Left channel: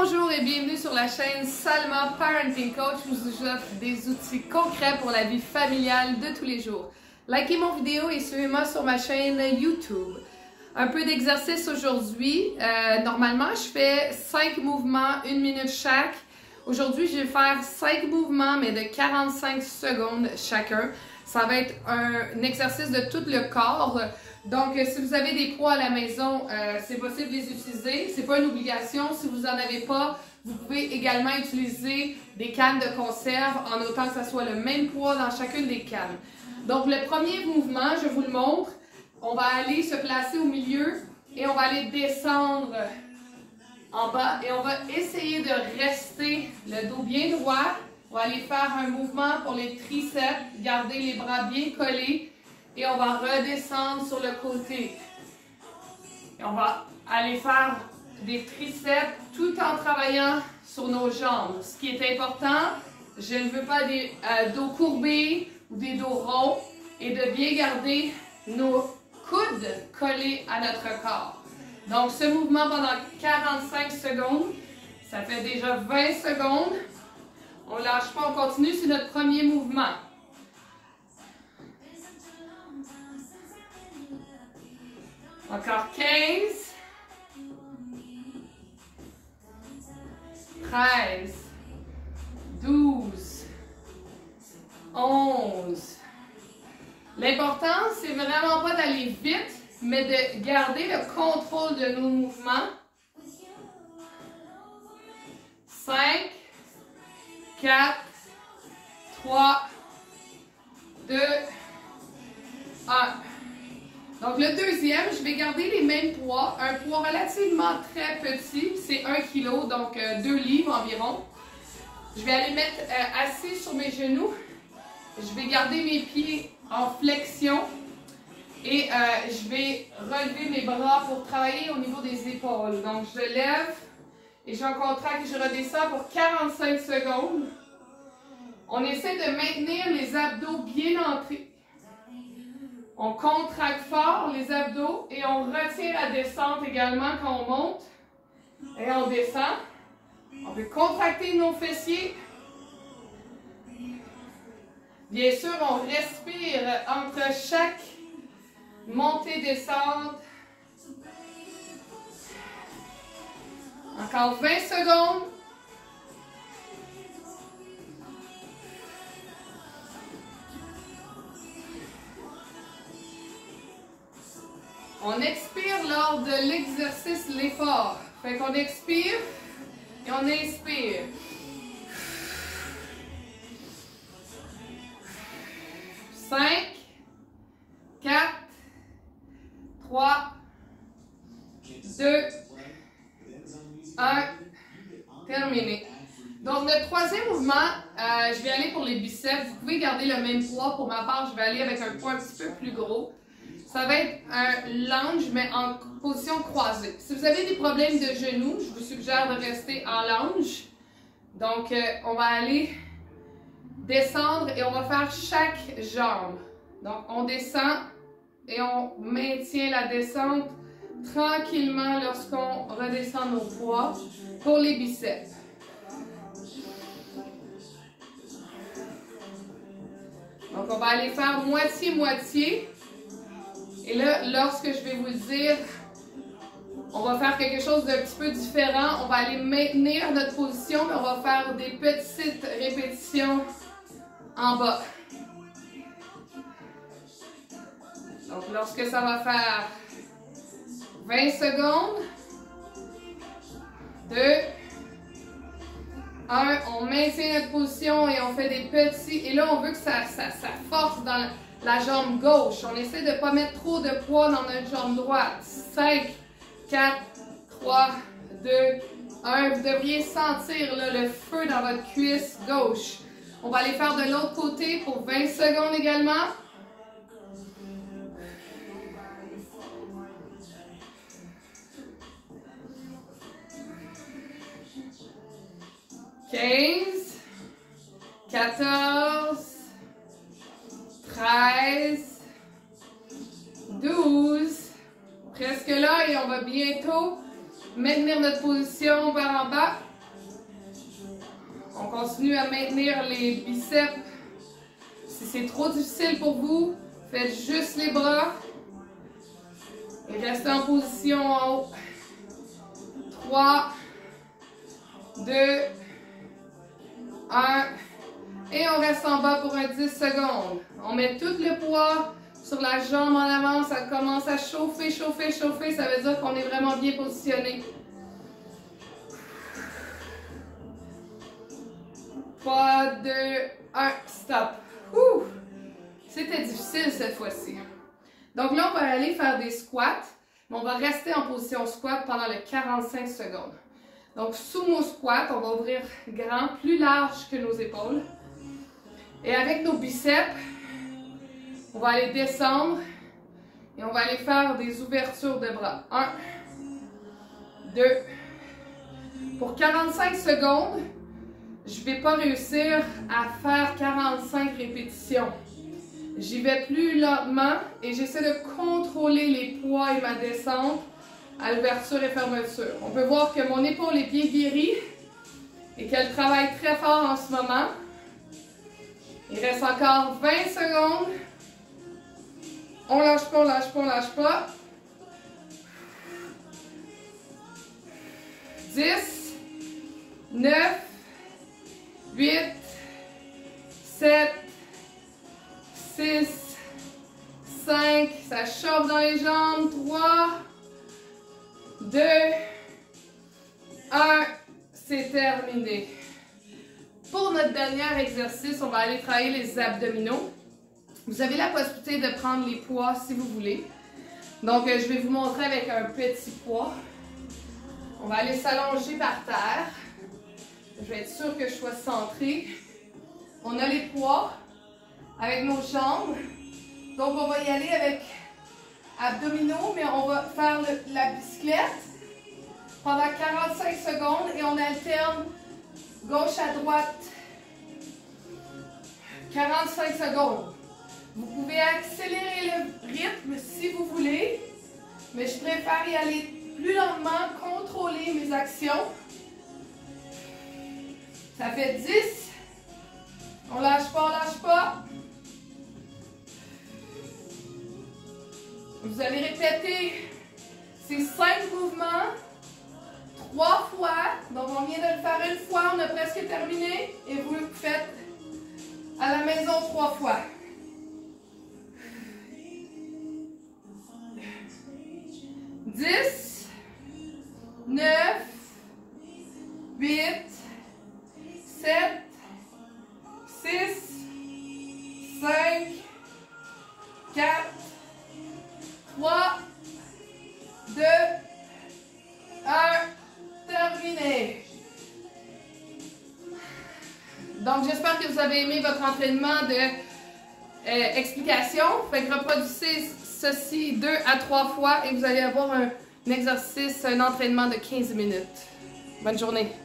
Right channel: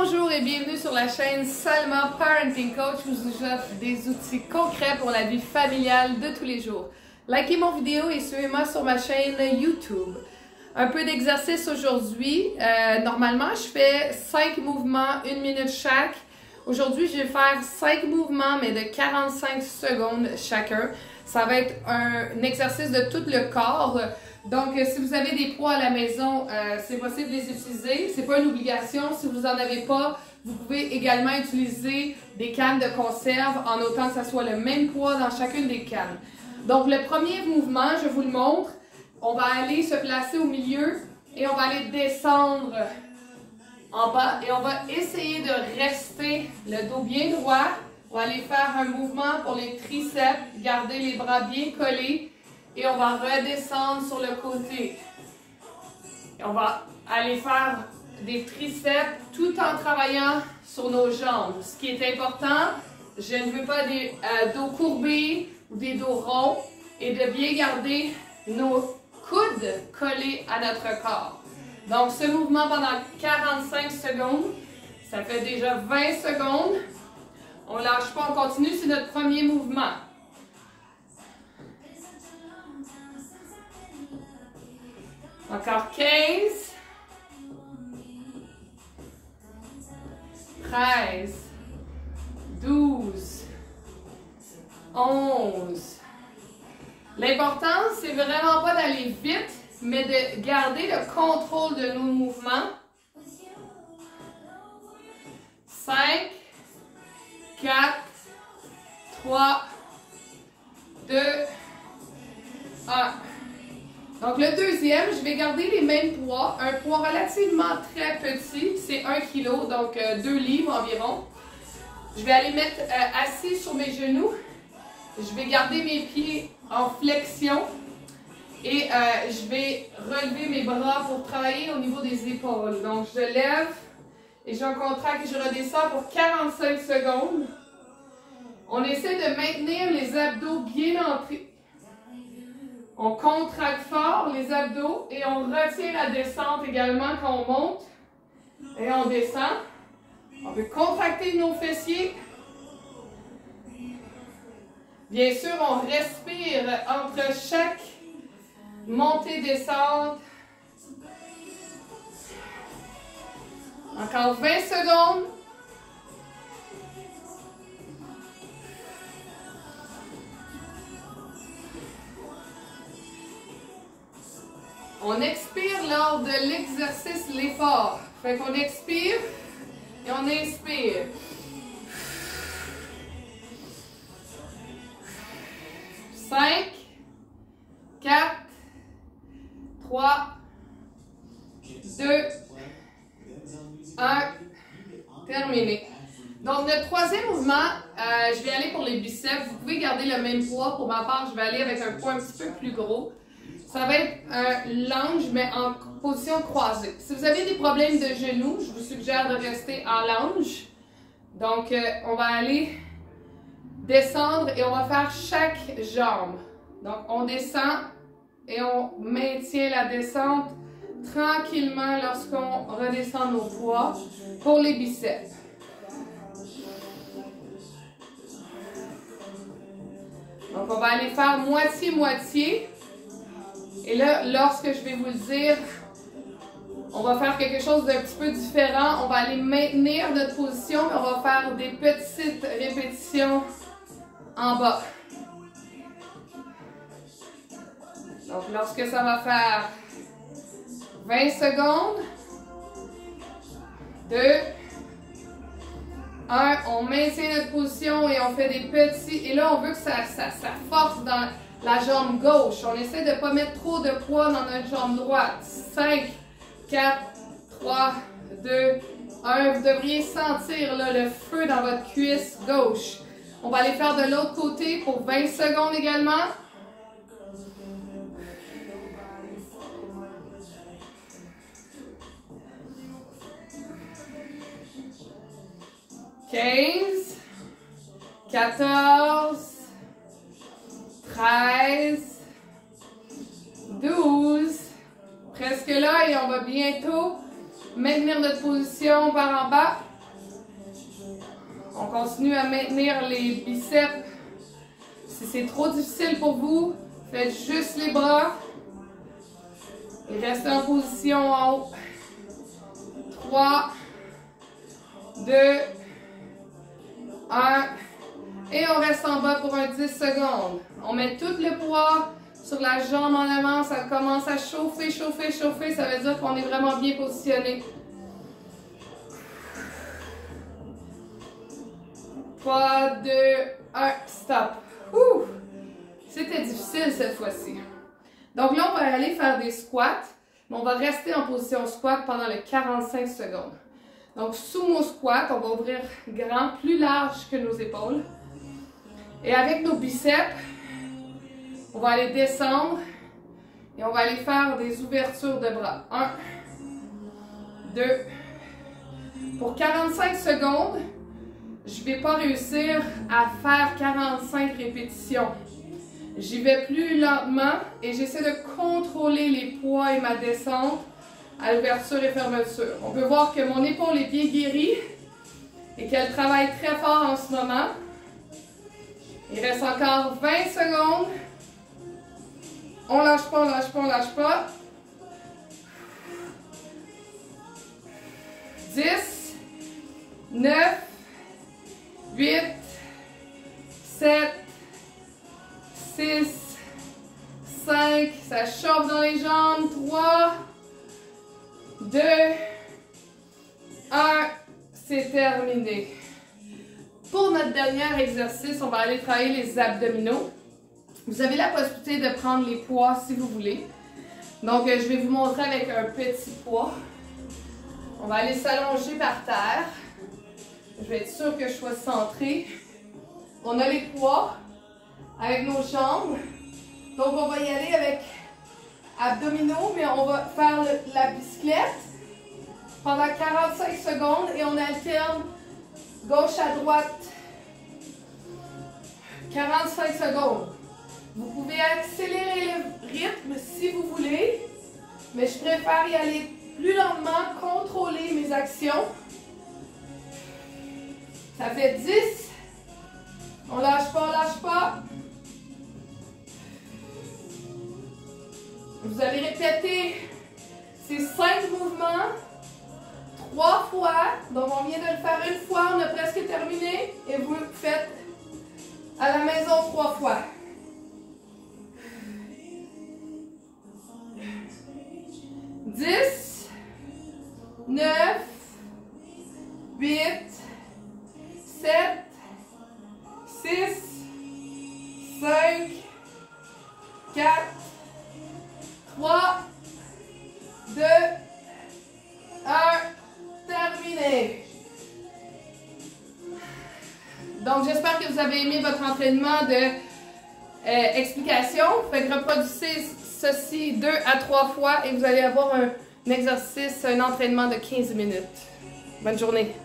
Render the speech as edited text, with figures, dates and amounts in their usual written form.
Bonjour et bienvenue sur la chaîne Salma Parenting Coach où je vous offre des outils concrets pour la vie familiale de tous les jours. Likez mon vidéo et suivez-moi sur ma chaîne YouTube. Un peu d'exercice aujourd'hui. Normalement, je fais 5 mouvements, 1 minute chaque. Aujourd'hui, je vais faire 5 mouvements, mais de 45 secondes chacun. Ça va être un exercice de tout le corps. Donc, si vous avez des poids à la maison, c'est possible de les utiliser. C'est pas une obligation. Si vous n'en avez pas, vous pouvez également utiliser des cannes de conserve en autant que ça soit le même poids dans chacune des cannes. Donc, le premier mouvement, je vous le montre. On va aller se placer au milieu et on va aller descendre en bas. Et on va essayer de rester le dos bien droit. On va aller faire un mouvement pour les triceps. Garder les bras bien collés. Et on va redescendre sur le côté. Et on va aller faire des triceps tout en travaillant sur nos jambes. Ce qui est important, je ne veux pas des dos courbés ou des dos ronds. Et de bien garder nos coudes collés à notre corps. Donc, ce mouvement pendant 45 secondes, ça fait déjà 20 secondes. On ne lâche pas, on continue, c'est notre premier mouvement. Encore 15, 13, 12, 11. L'important, c'est vraiment pas d'aller vite, mais de garder le contrôle de nos mouvements. 5, 4, 3, 2, 1. Donc, le deuxième, je vais garder les mêmes poids. Un poids relativement très petit, c'est 1 kg, donc 2 livres environ. Je vais aller mettre assis sur mes genoux. Je vais garder mes pieds en flexion. Et je vais relever mes bras pour travailler au niveau des épaules. Donc, je lève et je contracte et je redescends pour 45 secondes. On essaie de maintenir les abdos bien entrés. On contracte fort les abdos et on retient la descente également quand on monte. Et on descend. On peut contracter nos fessiers. Bien sûr, on respire entre chaque montée, descente. Encore 20 secondes. On expire lors de l'exercice, l'effort. Fait qu'on expire et on inspire. Cinq, 4, 3, 2, 1, terminé. Donc, le troisième mouvement, je vais aller pour les biceps. Vous pouvez garder le même poids. Pour ma part, je vais aller avec un poids un petit peu plus gros. Ça va être un lunge, mais en position croisée. Si vous avez des problèmes de genoux, je vous suggère de rester en lunge. Donc, on va aller descendre et on va faire chaque jambe. Donc, on descend et on maintient la descente tranquillement lorsqu'on redescend nos poids pour les biceps. Donc, on va aller faire moitié-moitié. Et là, lorsque je vais vous le dire, on va faire quelque chose d'un petit peu différent. On va aller maintenir notre position, mais on va faire des petites répétitions en bas. Donc, lorsque ça va faire 20 secondes, 2, 1, on maintient notre position et on fait des petits. Et là, on veut que ça force dans la jambe gauche. On essaie de ne pas mettre trop de poids dans notre jambe droite. 5, 4, 3, 2, 1. Vous devriez sentir là, le feu dans votre cuisse gauche. On va aller faire de l'autre côté pour 20 secondes également. « 15, 14, 13, 12, presque là et on va bientôt maintenir notre position par en bas. On continue à maintenir les biceps. Si c'est trop difficile pour vous, faites juste les bras. Et restez en position en haut. 3, 2, 1. Et on reste en bas pour un 10 secondes. On met tout le poids sur la jambe en avant. Ça commence à chauffer, chauffer, chauffer. Ça veut dire qu'on est vraiment bien positionné. 3, 2, 1, stop. C'était difficile cette fois-ci. Donc là, on va aller faire des squats, mais on va rester en position squat pendant les 45 secondes. Donc, sumo squat, on va ouvrir grand, plus large que nos épaules. Et avec nos biceps, on va aller descendre et on va aller faire des ouvertures de bras. 1, 2. Pour 45 secondes, je ne vais pas réussir à faire 45 répétitions. J'y vais plus lentement et j'essaie de contrôler les poids et ma descente à l'ouverture et fermeture. On peut voir que mon épaule est bien guérie et qu'elle travaille très fort en ce moment. Il reste encore 20 secondes. On lâche pas, on lâche pas, on lâche pas. 10, 9, 8, 7, 6, 5, ça chauffe dans les jambes, 3, 2, 1, c'est terminé. Pour notre dernier exercice, on va aller travailler les abdominaux. Vous avez la possibilité de prendre les poids si vous voulez. Donc, je vais vous montrer avec un petit poids. On va aller s'allonger par terre. Je vais être sûre que je sois centrée. On a les poids avec nos jambes. Donc, on va y aller avec abdominaux, mais on va faire la bicyclette pendant 45 secondes et on alterne gauche à droite. 45 secondes. Vous pouvez accélérer le rythme si vous voulez, mais je préfère y aller plus lentement, contrôler mes actions. Ça fait 10. On lâche pas, on lâche pas. Vous allez répéter ces 5 mouvements 3 fois. Donc, on vient de le faire une fois, on a presque terminé. Et vous le faites à la maison 3 fois. 10, 9, 8, 7, 6, 5, 4, 3, 2, 1, terminé. Donc, j'espère que vous avez aimé votre entraînement de explication. Fait que reproduisez ceci 2 à 3 fois et vous allez avoir un exercice, un entraînement de 15 minutes. Bonne journée.